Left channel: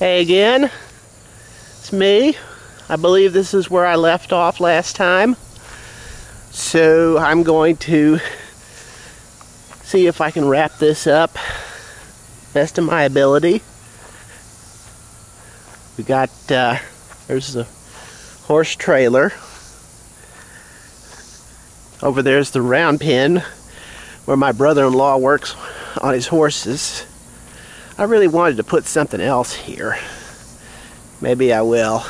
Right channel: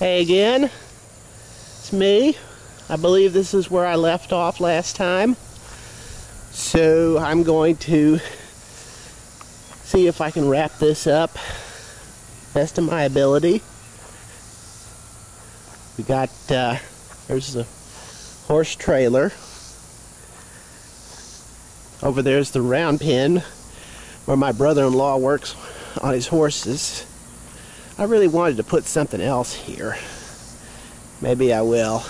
Hey again, it's me. I believe this is where I left off last time. So I'm going to see if I can wrap this up best of my ability. We got, there's a horse trailer. Over there's the round pen where my brother-in-law works on his horses. I really wanted to put something else here. Maybe I will.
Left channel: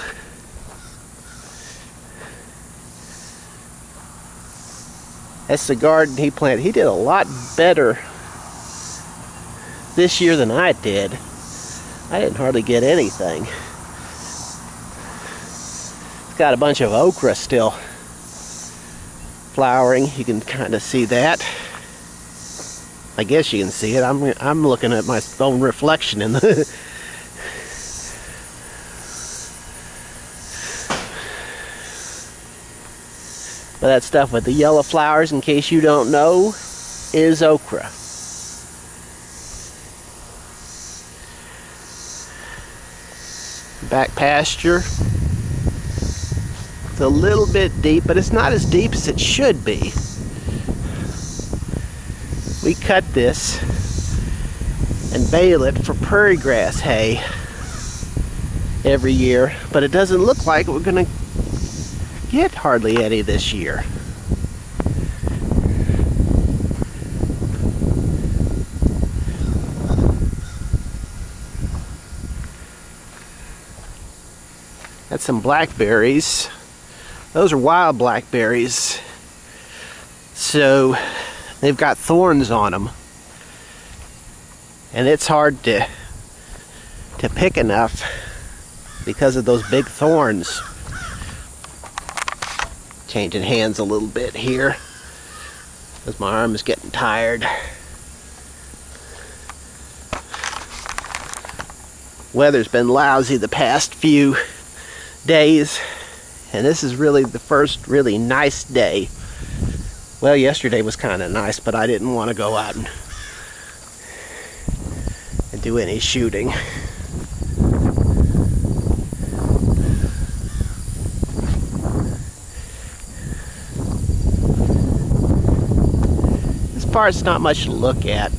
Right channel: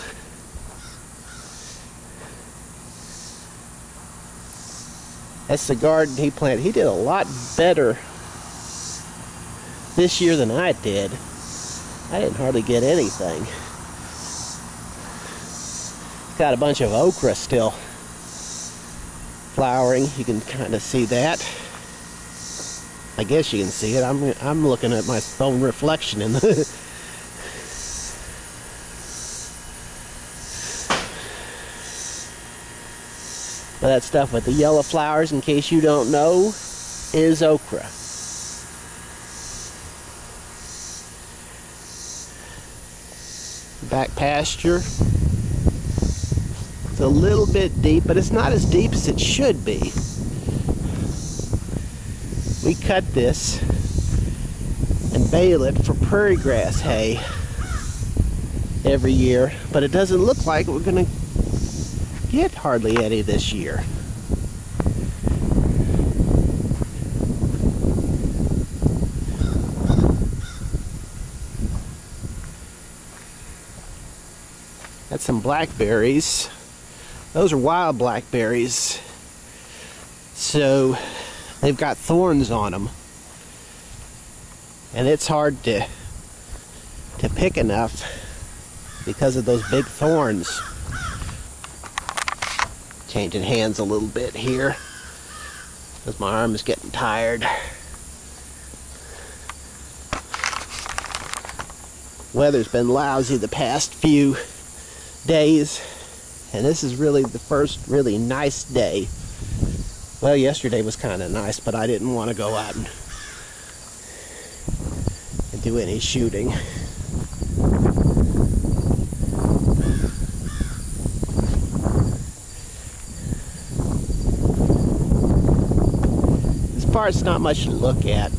That's the garden he planted. He did a lot better this year than I did. I didn't hardly get anything. It's got a bunch of okra still flowering. You can kind of see that. I guess you can see it. I'm looking at my own reflection in the but that stuff with the yellow flowers, in case you don't know, is okra. Back pasture. It's a little bit deep, but it's not as deep as it should be. We cut this and bale it for prairie grass hay every year, but it doesn't look like we're going to get hardly any this year. Got some blackberries. Those are wild blackberries. So they've got thorns on them, and it's hard to pick enough because of those big thorns. Changing hands a little bit here because my arm is getting tired. Weather's been lousy the past few days, and this is really the first really nice day. Well, yesterday was kind of nice, but I didn't want to go out and do any shooting. This part's not much to look at.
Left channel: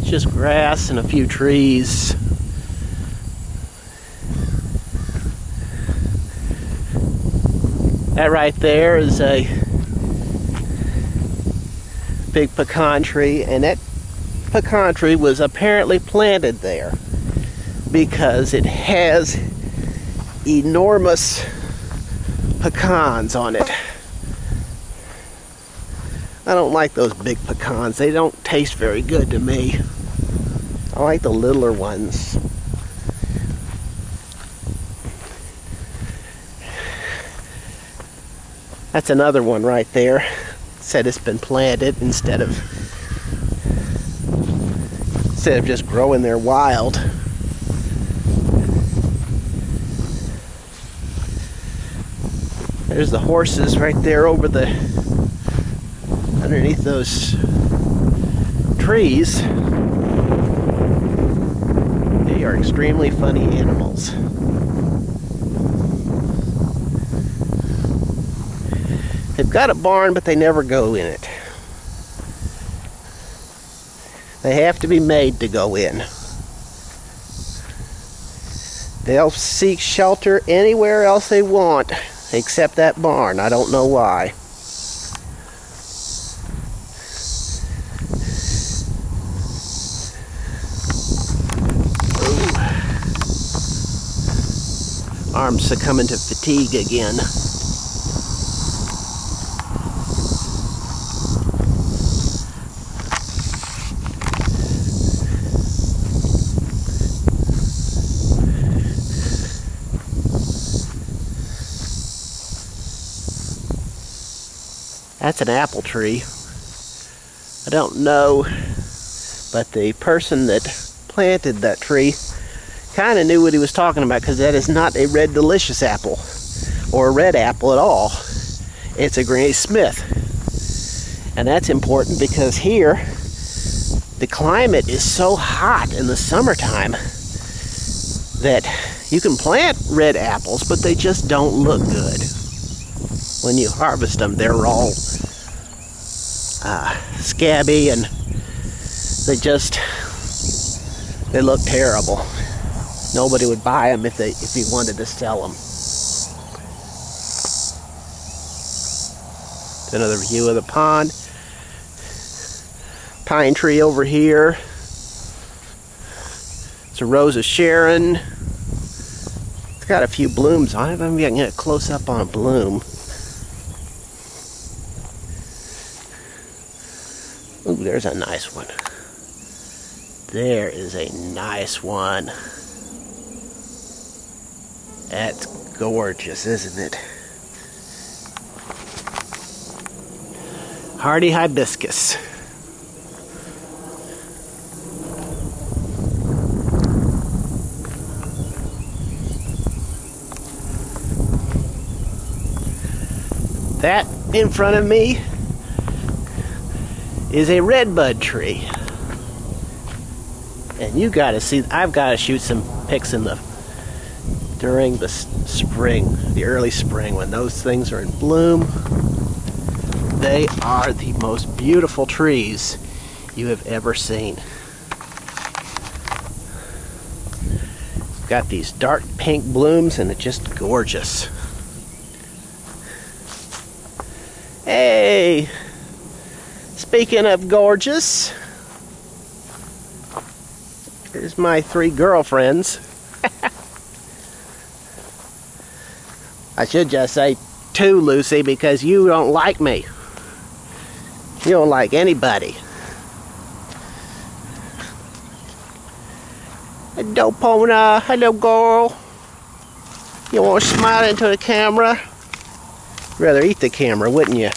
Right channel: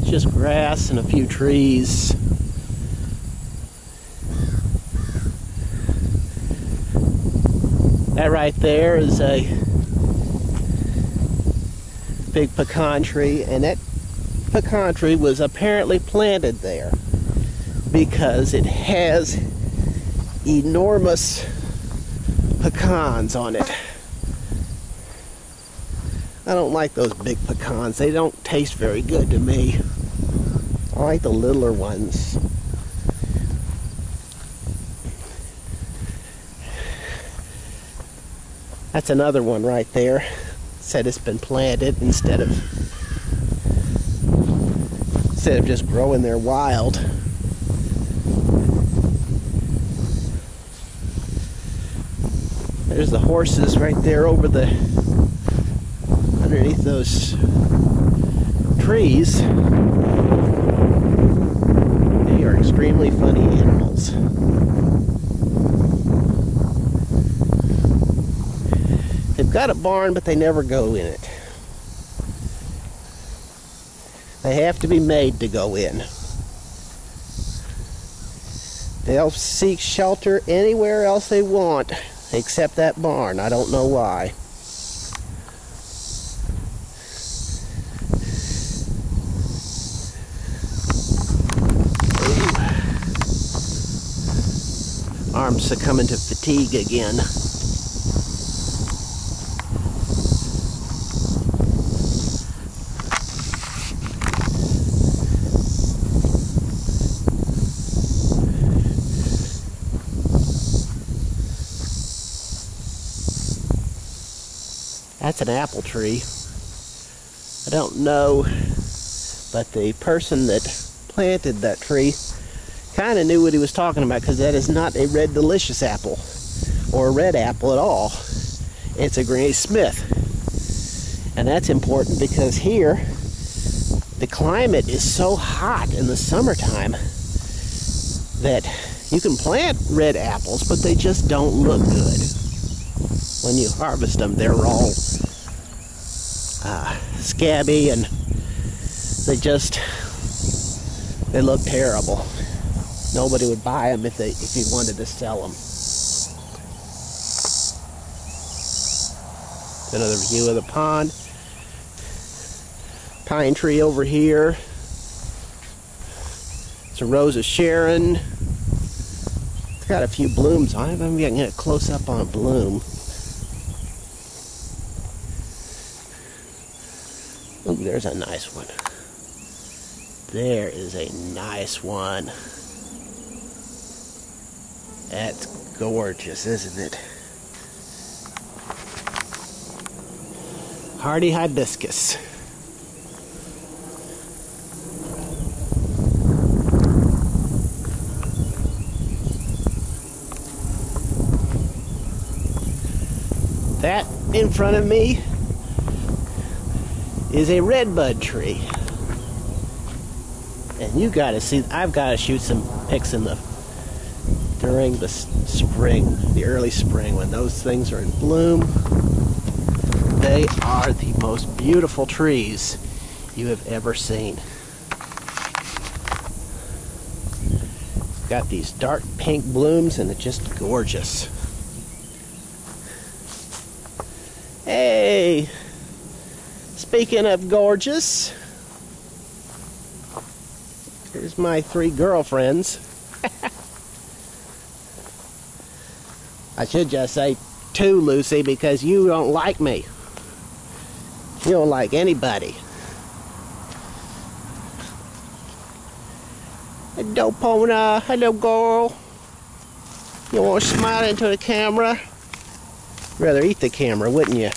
It's just grass and a few trees. That right there is a big pecan tree, and that pecan tree was apparently planted there because it has enormous pecans on it. I don't like those big pecans. They don't taste very good to me. I like the littler ones. That's another one right there. It said it's been planted instead of just growing there wild. There's the horses right there over the underneath those trees. They are extremely funny animals. They've got a barn, but they never go in it. They have to be made to go in. They'll seek shelter anywhere else they want, except that barn. I don't know why. Ooh. Arm's succumbing to fatigue again. That's an apple tree. I don't know, but the person that planted that tree kind of knew what he was talking about, because that is not a Red Delicious apple or a red apple at all. It's a Granny Smith. And that's important because here the climate is so hot in the summertime that you can plant red apples, but they just don't look good. When you harvest them, they're all scabby, and they look terrible. Nobody would buy them if you wanted to sell them. Another view of the pond. Pine tree over here. It's a Rose of Sharon. It's got a few blooms on it. Maybe I can get a close up on a bloom. Ooh, there's a nice one. There is a nice one. That's gorgeous, isn't it? Hardy hibiscus. That in front of me is a redbud tree. And you gotta see, I've gotta shoot some pics during the spring, the early spring, when those things are in bloom. They are the most beautiful trees you have ever seen. Got these dark pink blooms and it's just gorgeous. Hey, speaking of gorgeous, here's my 3 girlfriends. I should just say 2, Lucy, because you don't like me. You don't like anybody. Hello, Pona. Hello, girl. You want to smile into the camera? Rather eat the camera, wouldn't you?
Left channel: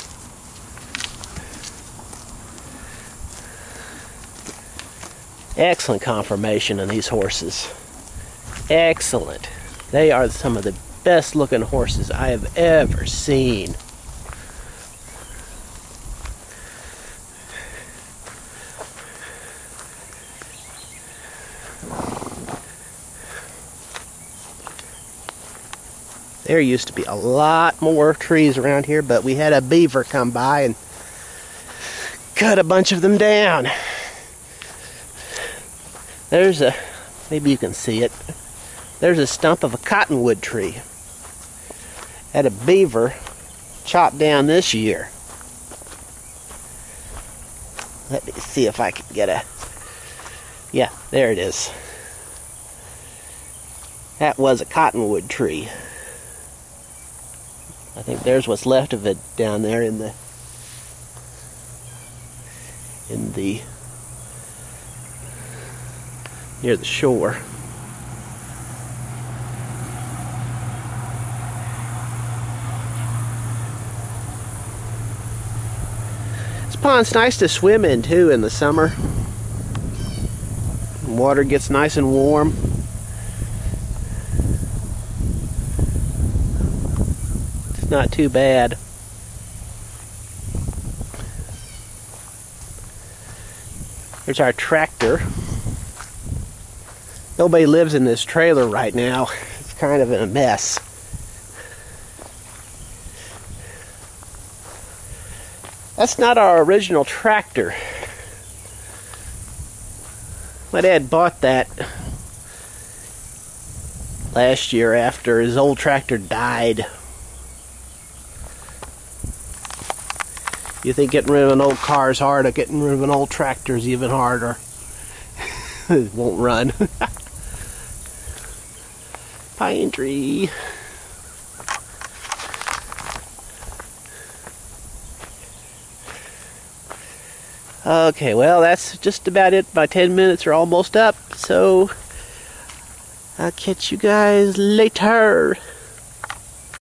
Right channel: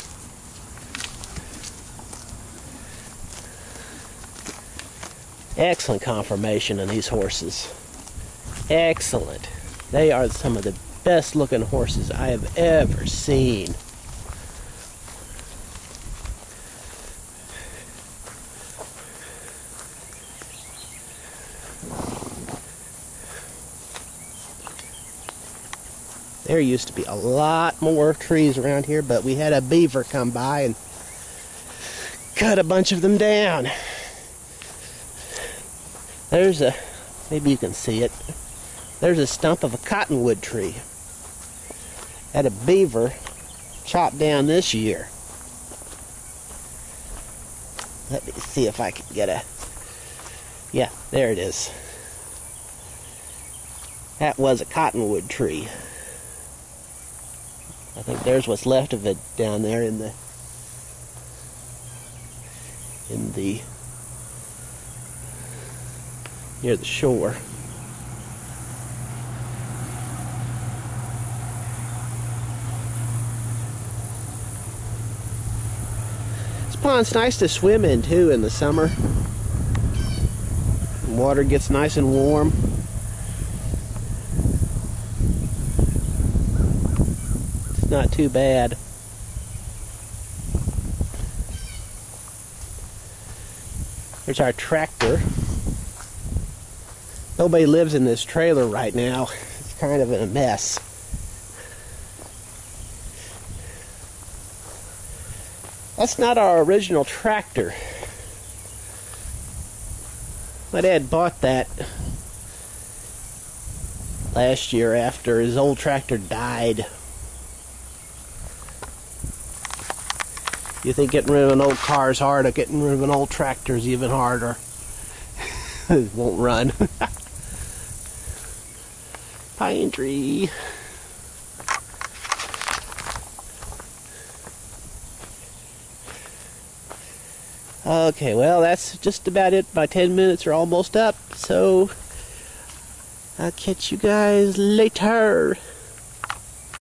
Excellent conformation on these horses. Excellent. They are some of the best looking horses I have ever seen. There used to be a lot more trees around here, but we had a beaver come by and cut a bunch of them down. There's maybe you can see it. There's a stump of a cottonwood tree. Had a beaver chopped down this year. Let me see if I can get yeah, there it is. That was a cottonwood tree. I think there's what's left of it down there in the near the shore. This pond's nice to swim in too in the summer. The water gets nice and warm. It's not too bad. Here's our tractor. Nobody lives in this trailer right now. It's kind of in a mess. That's not our original tractor. My dad bought that last year after his old tractor died. You think getting rid of an old car is hard, or getting rid of an old tractor is even harder. It won't run. Pine tree. Okay, well, that's just about it. My 10 minutes are almost up, so I'll catch you guys later.